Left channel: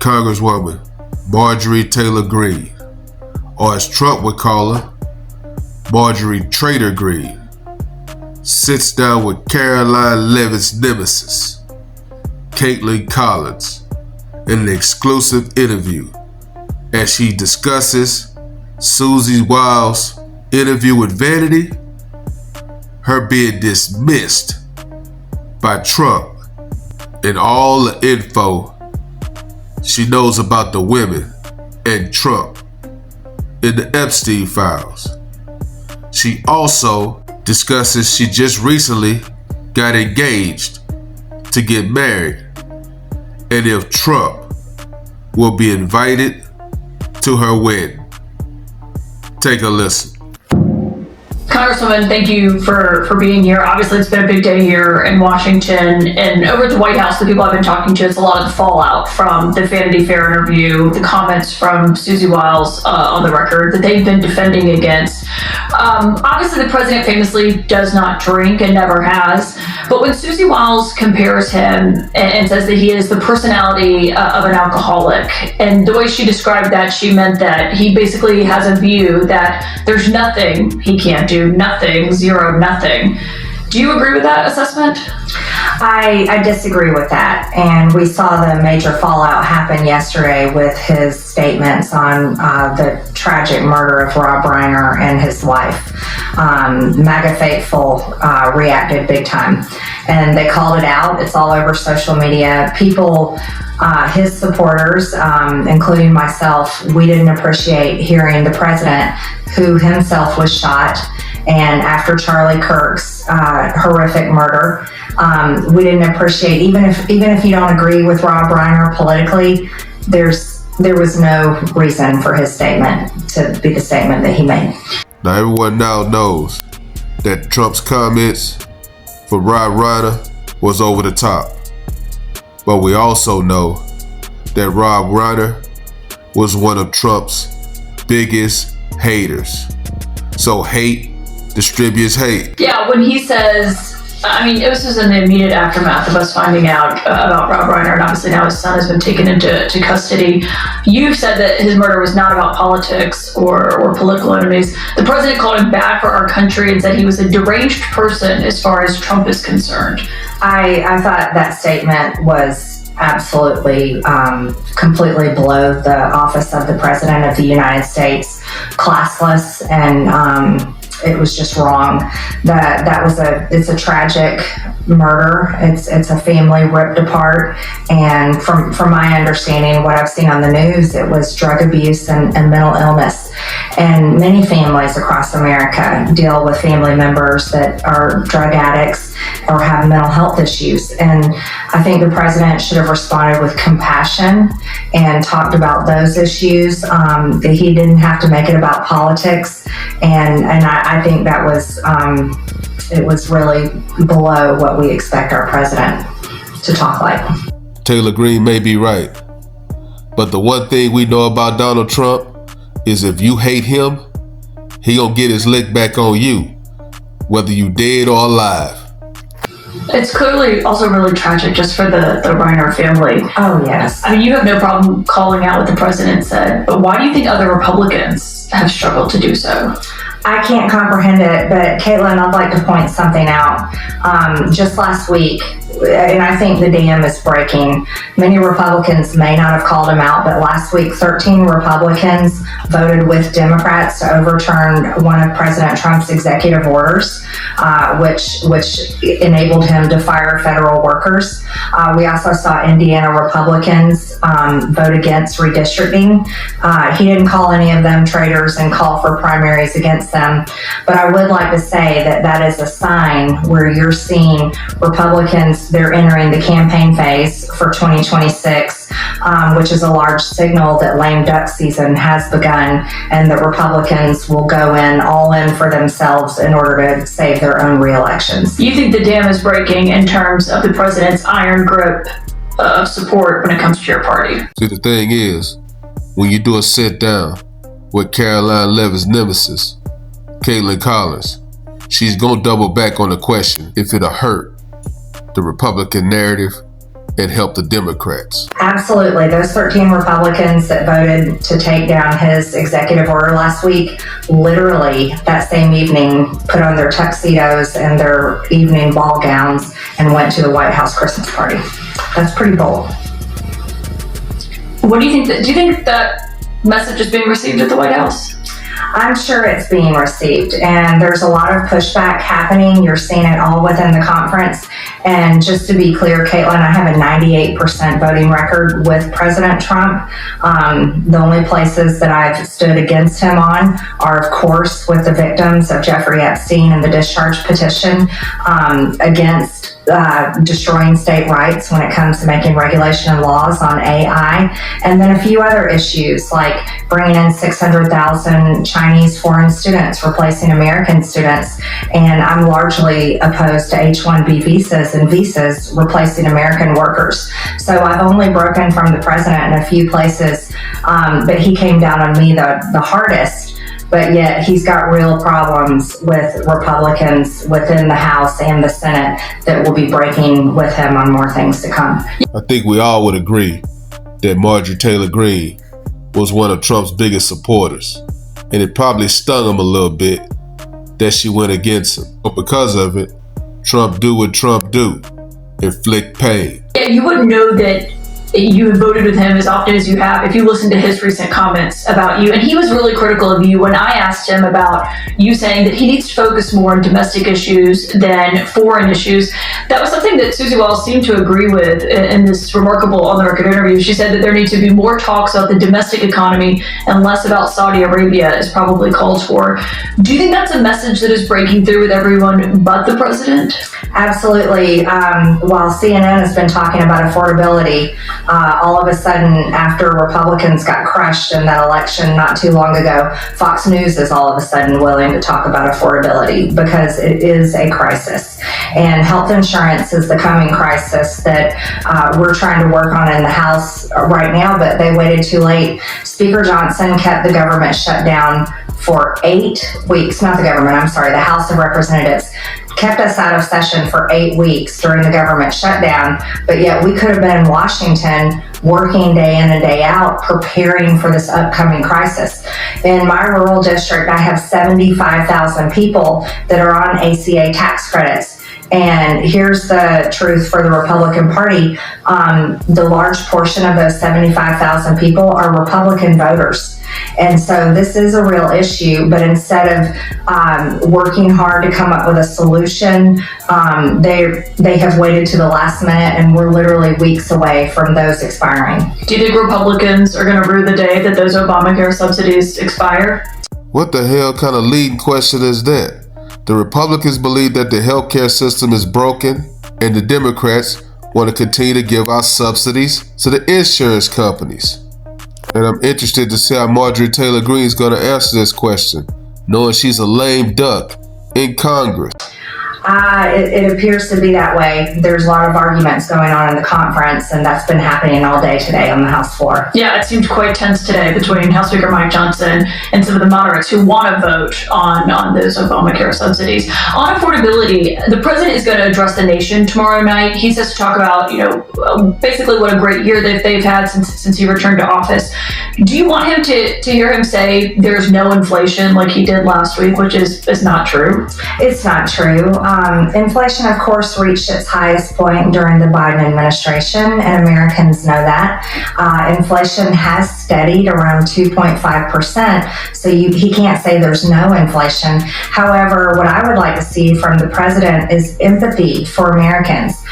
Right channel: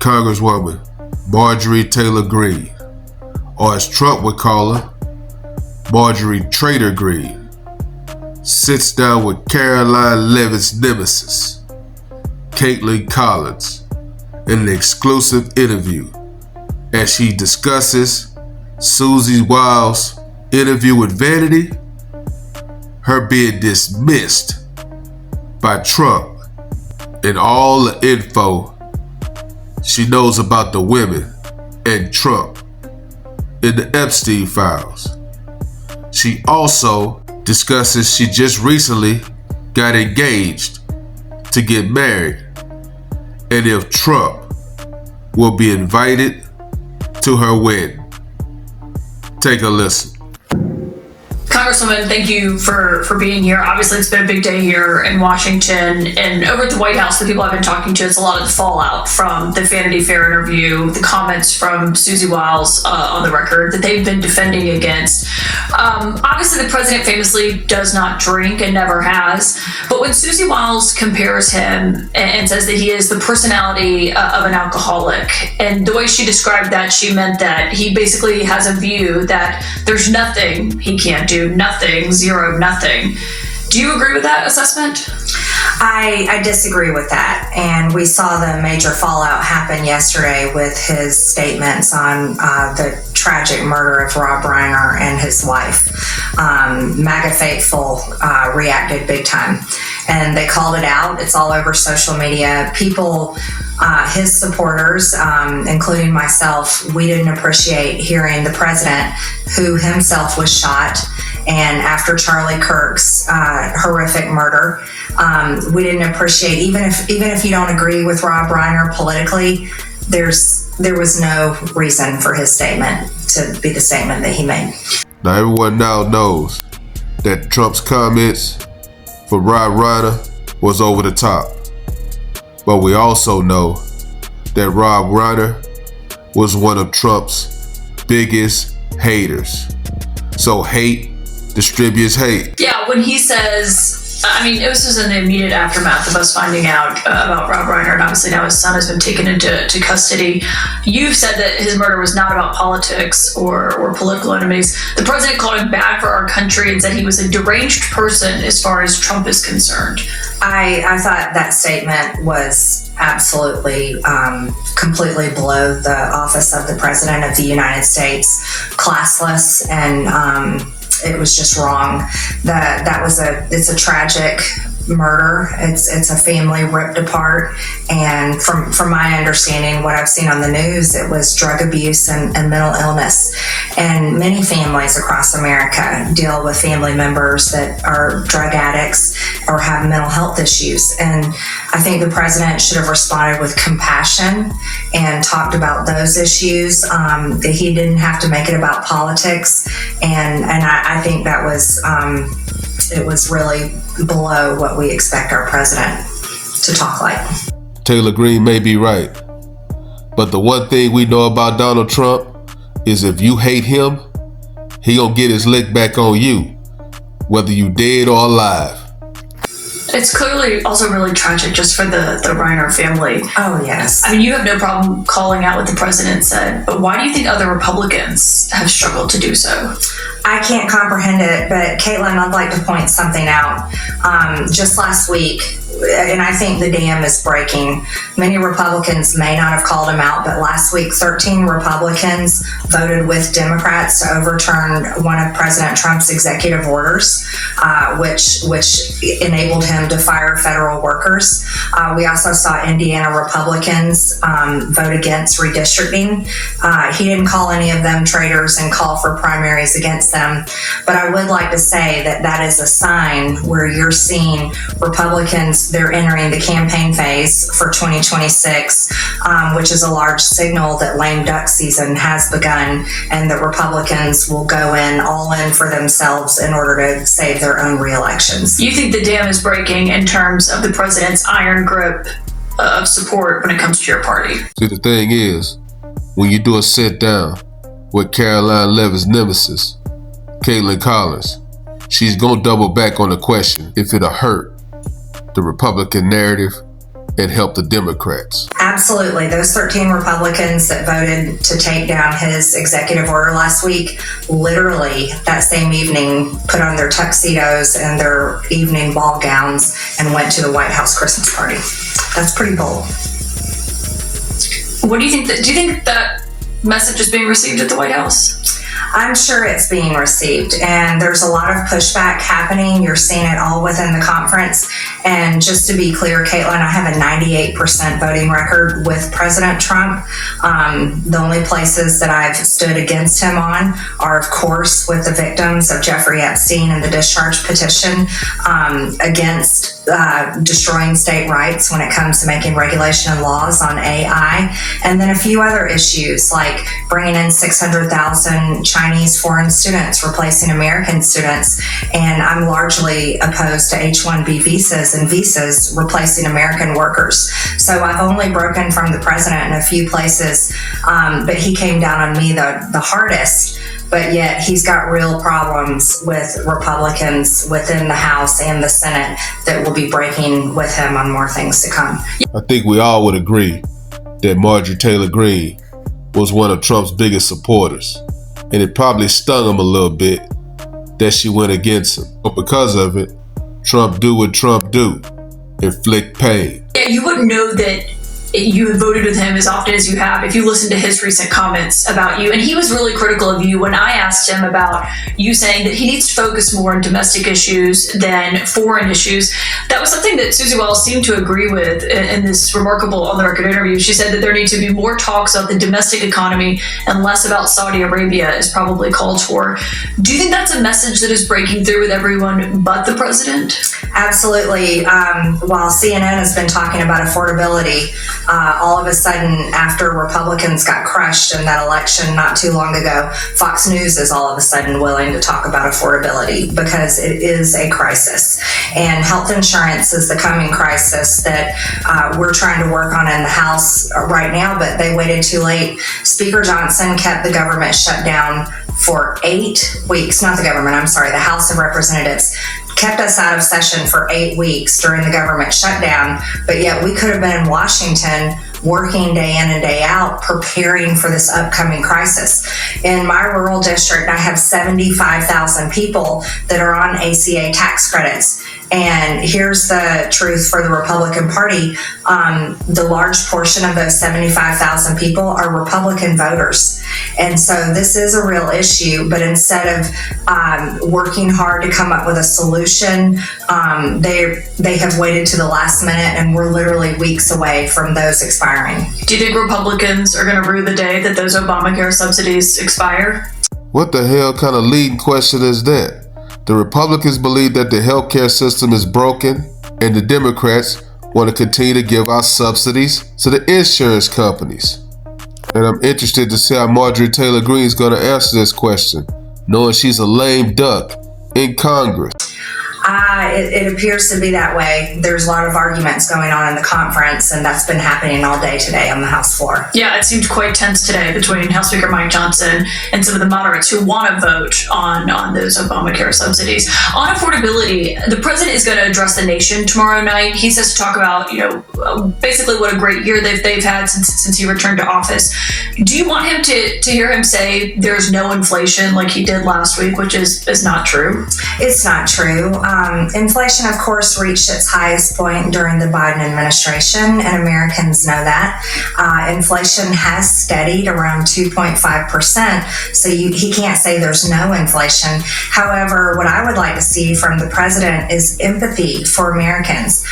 Congresswoman Marjorie Taylor Greene, or as Trump would call her, Marjorie Taylor Greene, sits down with Caroline Levitt's nemesis, Caitlin Collins, in an exclusive interview as she discusses Susie Wiles' interview with Vanity, her being dismissed by Trump, and all the info she knows about the women and Trump in the Epstein files. She also discusses she just recently got engaged to get married, and if Trump will be invited to her wedding. Take a listen. Congresswoman, thank you for being here. Obviously, it's been a big day here in Washington, and over at the White House, the people I've been talking to, it's a lot of the fallout from the Vanity Fair interview, the comments from Susie Wiles on the record that they've been defending against. Obviously, the president famously does not drink and never has, but when Susie Wiles compares him and says that he is the personality of an alcoholic, and the way she described that, she meant that he basically has a view that there's nothing he can't do, nothing, zero, nothing. Do you agree with that assessment? I disagree with that. And we saw the major fallout happen yesterday with his statements on the tragic murder of Rob Reiner and his wife. MAGA faithful reacted big time. And they called it out. It's all over social media. People, his supporters, including myself, we didn't appreciate hearing the president, who himself was shot, and after Charlie Kirk's horrific murder, we didn't appreciate, even if you don't agree with Rob Reiner politically, there was no reason for his statement to be the statement that he made. Now everyone now knows that Trump's comments for Rob Reiner was over the top. But we also know that Rob Reiner was one of Trump's biggest haters. So hate distributes hate. Yeah, when he says, I mean, it was just in the immediate aftermath of us finding out about Rob Reiner, and obviously now his son has been taken into custody. You've said that his murder was not about politics or political enemies. The president called him bad for our country and said he was a deranged person as far as Trump is concerned. I thought that statement was absolutely, completely below the office of the President of the United States, classless, and it was just wrong. It's a tragic murder. It's a family ripped apart, and from my understanding, what I've seen on the news, it was drug abuse and mental illness. And many families across America deal with family members that are drug addicts or have mental health issues. And I think the president should have responded with compassion and talked about those issues. That he didn't have to make it about politics. And I think that was, it was really below what we expect our president to talk like. Taylor Greene may be right, but the one thing we know about Donald Trump is if you hate him, he gonna get his lick back on you, whether you dead or alive. It's clearly also really tragic just for the Reiner family. Oh, yes. I mean, you have no problem calling out what the president said, but why do you think other Republicans have struggled to do so? I can't comprehend it, but Caitlin, I'd like to point something out. Just last week, and I think the dam is breaking. Many Republicans may not have called him out, but last week, 13 Republicans voted with Democrats to overturn one of President Trump's executive orders, which enabled him to fire federal workers. We also saw Indiana Republicans vote against redistricting. He didn't call any of them traitors and call for primaries against them. But I would like to say that that is a sign where you're seeing Republicans, they're entering the campaign phase for 2026, which is a large signal that lame duck season has begun and that Republicans will go all in for themselves in order to save their own re-elections. You think the dam is breaking in terms of the president's iron grip of support when it comes to your party? See, the thing is, when you do a sit down with Caroline Levitt's nemesis, Caitlin Collins, she's gonna double back on the question if it'll hurt the Republican narrative and help the Democrats. Absolutely. Those 13 Republicans that voted to take down his executive order last week, literally that same evening, put on their tuxedos and their evening ball gowns and went to the White House Christmas party. That's pretty bold. What do you think? Do you think that message is being received at the White House? I'm sure it's being received, and there's a lot of pushback happening. You're seeing it all within the conference. And just to be clear, Caitlin, I have a 98% voting record with President Trump. The only places that I've stood against him on are, of course, with the victims of Jeffrey Epstein and the discharge petition against destroying state rights when it comes to making regulation and laws on AI, and then a few other issues like bringing in 600,000 Chinese foreign students, replacing American students, and I'm largely opposed to H-1B visas and visas replacing American workers. So I've only broken from the president in a few places, but he came down on me the hardest. But yet he's got real problems with Republicans within the House and the Senate that will be breaking with him on more things to come. I think we all would agree that Marjorie Taylor Greene was one of Trump's biggest supporters, and it probably stung him a little bit that she went against him. But because of it, Trump do what Trump do, inflict pain. Yeah, you wouldn't know that you have voted with him as often as you have if you listen to his recent comments about you. And he was really critical of you when I asked him about you saying that he needs to focus more on domestic issues than foreign issues. That was something that Susie Wells seemed to agree with in this remarkable on-the-record interview. She said that there need to be more talks about the domestic economy and less about Saudi Arabia is probably called for. Do you think that's a message that is breaking through with everyone but the president? Absolutely. While CNN has been talking about affordability, all of a sudden, after Republicans got crushed in that election not too long ago, Fox News is all of a sudden willing to talk about affordability because it is a crisis. And health insurance is the coming crisis that we're trying to work on in the House right now, but they waited too late. Speaker Johnson kept the government shut down for 8 weeks, not the government, I'm sorry, the House of Representatives kept us out of session for 8 weeks during the government shutdown, but yet we could have been in Washington working day in and day out, preparing for this upcoming crisis. In my rural district, I have 75,000 people that are on ACA tax credits. And here's the truth for the Republican Party. The large portion of those 75,000 people are Republican voters. And so this is a real issue, but instead of working hard to come up with a solution, they have waited to the last minute, and we're literally weeks away from those expiring. Do you think Republicans are going to rue the day that those Obamacare subsidies expire? What the hell kind of leading question is that? The Republicans believe that the healthcare system is broken, and the Democrats want to continue to give out subsidies to the insurance companies. And I'm interested to see how Marjorie Taylor Greene is going to answer this question, knowing she's a lame duck in Congress. It appears to be that way. There's a lot of arguments going on in the conference, and that's been happening all day today on the House floor. Yeah, it seemed quite tense today between House Speaker Mike Johnson and some of the moderates who want to vote on those Obamacare subsidies. On affordability, the president is going to address the nation tomorrow night. He says to talk about, basically what a great year they've had since he returned to office. Do you want him to hear him say there's no inflation like he did last week, which is not true? It's not true. Inflation, of course, reached its highest point during the Biden administration, and Americans know that. Inflation has steadied around 2.5%, so he can't say there's no inflation. However, what I would like to see from the president is empathy for Americans.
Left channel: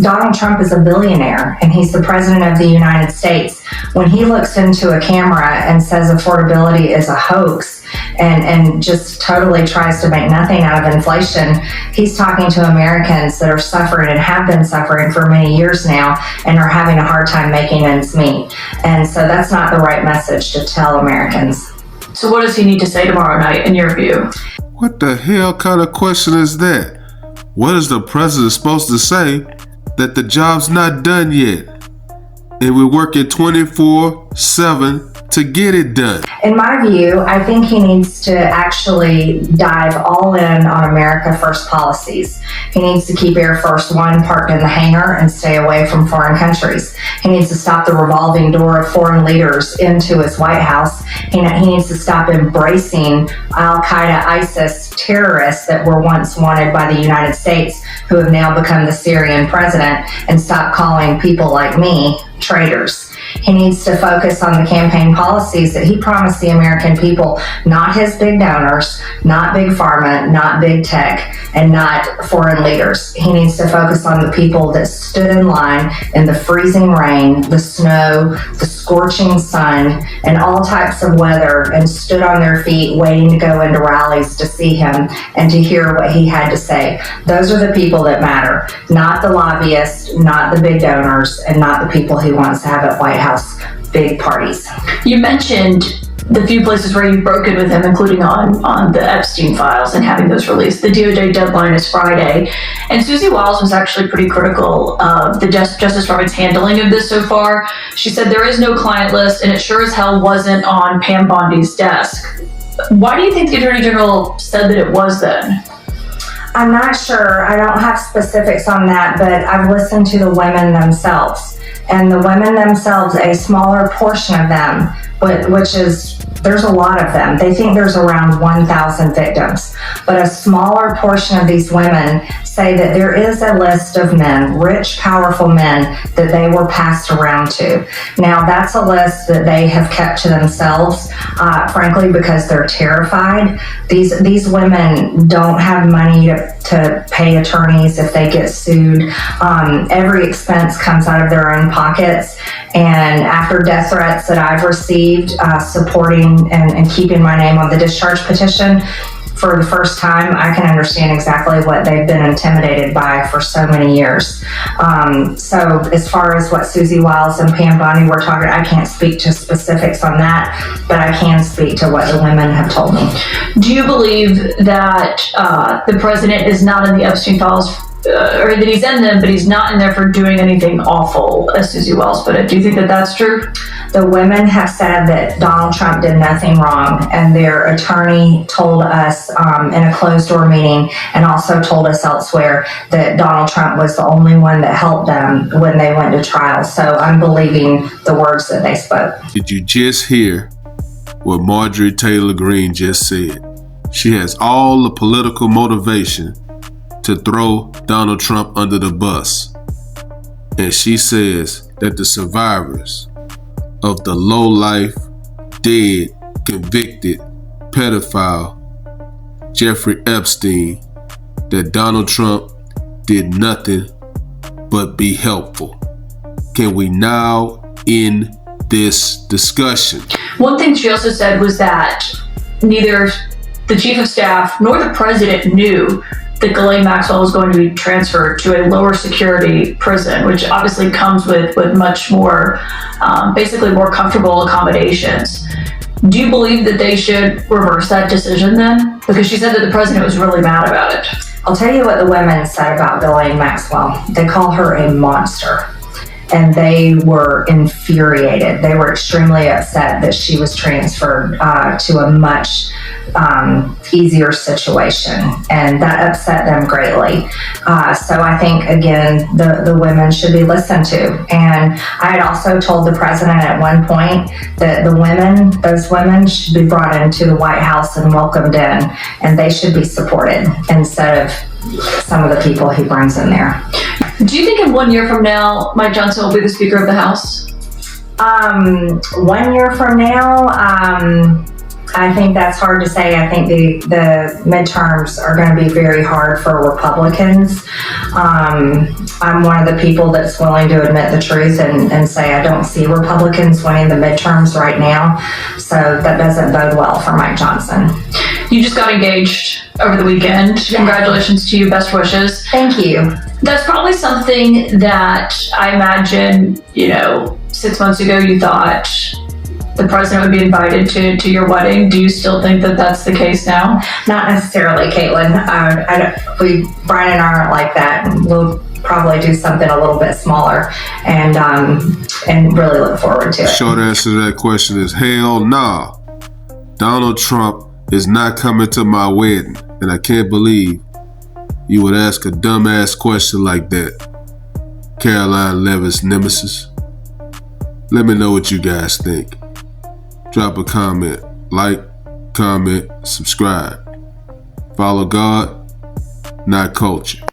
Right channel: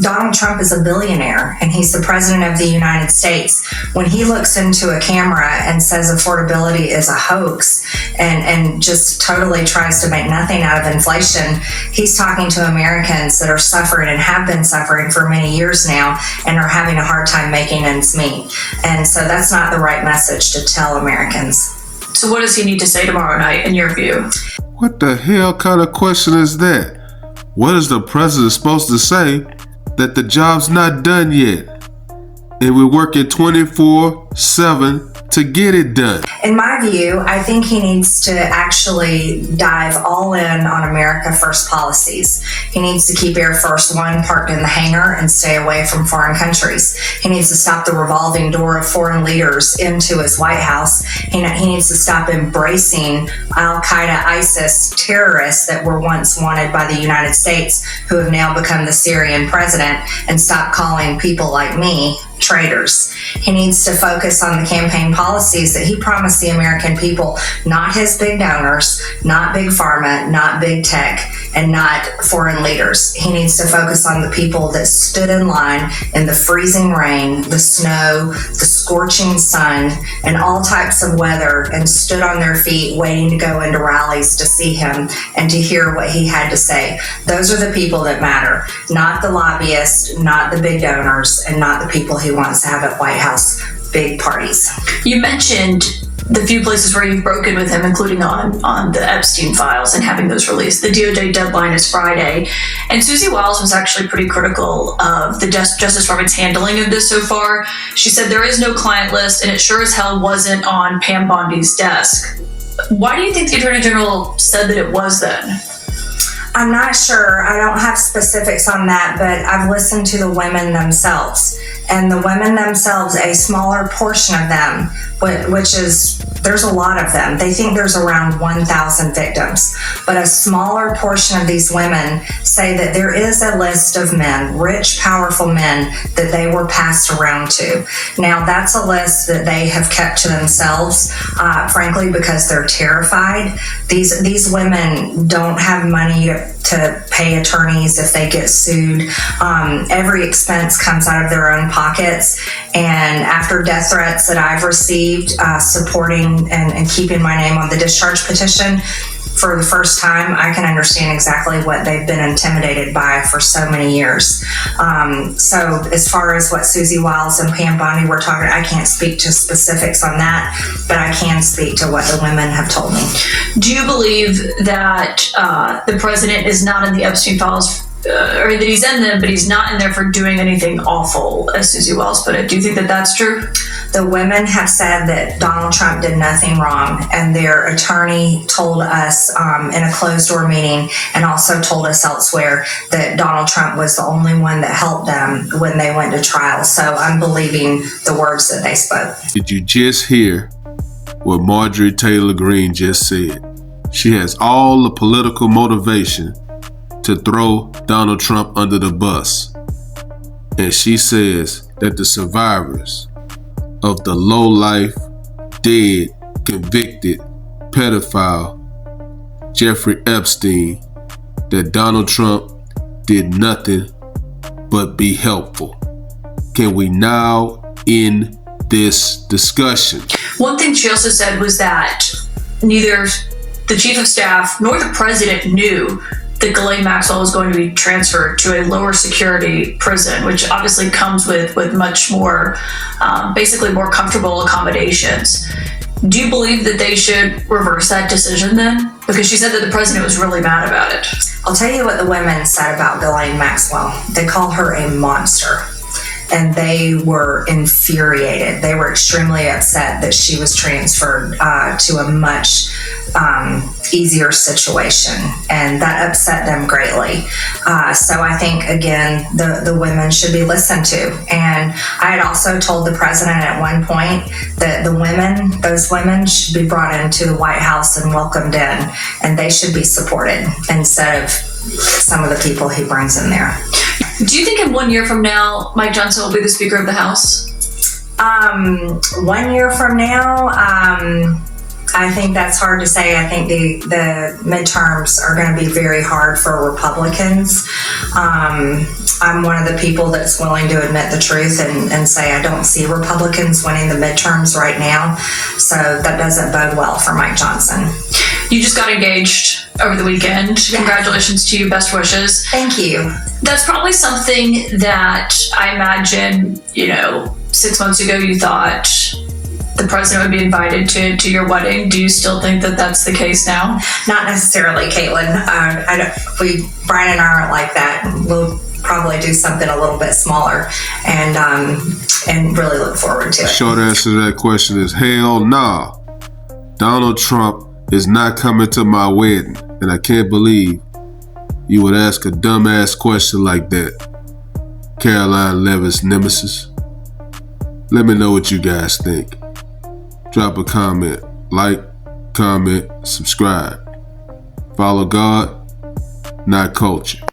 Donald Trump is a billionaire, and he's the president of the United States. When he looks into a camera and says affordability is a hoax and just totally tries to make nothing out of inflation, he's talking to Americans that are suffering and have been suffering for many years now and are having a hard time making ends meet. And so that's not the right message to tell Americans. So what does he need to say tomorrow night, in your view? What the hell kind of question is that? What is the president supposed to say? That the job's not done yet, and we're working 24/7 to get it done? In my view, I think he needs to actually dive all in on America First policies. He needs to keep Air Force One parked in the hangar and stay away from foreign countries. He needs to stop the revolving door of foreign leaders into his White House. He needs to stop embracing Al-Qaeda, ISIS terrorists that were once wanted by the United States, who have now become the Syrian president, and stop calling people like me traitors. He needs to focus on the campaign policies that he promised the American people, not his big donors, not big pharma, not big tech, and not foreign leaders. He needs to focus on the people that stood in line in the freezing rain, the snow, the scorching sun, and all types of weather, and stood on their feet waiting to go into rallies to see him and to hear what he had to say. Those are the people that matter, not the lobbyists, not the big donors, and not the people he wants to have at White House big parties. You mentioned the few places where you've broken with him, including on the Epstein files and having those released. The DOJ deadline is Friday. And Susie Wiles was actually pretty critical of the Justice Department's handling of this so far. She said there is no client list, and it sure as hell wasn't on Pam Bondi's desk. Why do you think the Attorney General said that it was then? I'm not sure. I don't have specifics on that, but I've listened to the women themselves. And the women themselves, a smaller portion of them, which is, there's a lot of them. They think there's around 1,000 victims. But a smaller portion of these women say that there is a list of men, rich, powerful men, that they were passed around to. Now, that's a list that they have kept to themselves, frankly, because they're terrified. These women don't have money to pay attorneys if they get sued. Every expense comes out of their own pockets. And after death threats that I've received supporting and keeping my name on the discharge petition, for the first time, I can understand exactly what they've been intimidated by for so many years. So as far as what Susie Wiles and Pam Bondi were talking, I can't speak to specifics on that, but I can speak to what the women have told me. Do you believe that the president is not in the Epstein files, or that he's in them, but he's not in there for doing anything awful, as Susie Wiles put it? Do you think that that's true? The women have said that Donald Trump did nothing wrong, and their attorney told us in a closed-door meeting, and also told us elsewhere, that Donald Trump was the only one that helped them when they went to trial. So I'm believing the words that they spoke. Did you just hear what Marjorie Taylor Greene just said? She has all the political motivation to throw Donald Trump under the bus. And she says that the survivors of the low-life, dead, convicted pedophile Jeffrey Epstein, that Donald Trump did nothing but be helpful. Can we now end this discussion? One thing she also said was that neither the chief of staff nor the president knew that Ghislaine Maxwell was going to be transferred to a lower security prison, which obviously comes with much more, basically more comfortable accommodations. Do you believe that they should reverse that decision then? Because she said that the president was really mad about it. I'll tell you what the women said about Ghislaine Maxwell. They call her a monster. And they were infuriated. They were extremely upset that she was transferred to a much easier situation, and that upset them greatly. So I think, again, the women should be listened to. And I had also told the president at one point that those women should be brought into the White House and welcomed in, and they should be supported instead of some of the people he brings in there. Do you think in 1 year from now, Mike Johnson will be the Speaker of the House? 1 year from now, I think that's hard to say. I think the midterms are going to be very hard for Republicans. I'm one of the people that's willing to admit the truth and say I don't see Republicans winning the midterms right now. So that doesn't bode well for Mike Johnson. You just got engaged over the weekend. Congratulations to you. Best wishes. Thank you. That's probably something that I imagine, 6 months ago you thought the president would be invited to your wedding. Do you still think that that's the case now? Not necessarily, Caitlin. Brian and I aren't like that. We'll probably do something a little bit smaller. And and really look forward to it. Short answer to that question is hell nah. Donald Trump is not coming to my wedding, and I can't believe you would ask a dumbass question like that. Caroline Levitt's nemesis. Let me know what you guys think. Drop a comment, like, comment, subscribe. Follow God, not culture.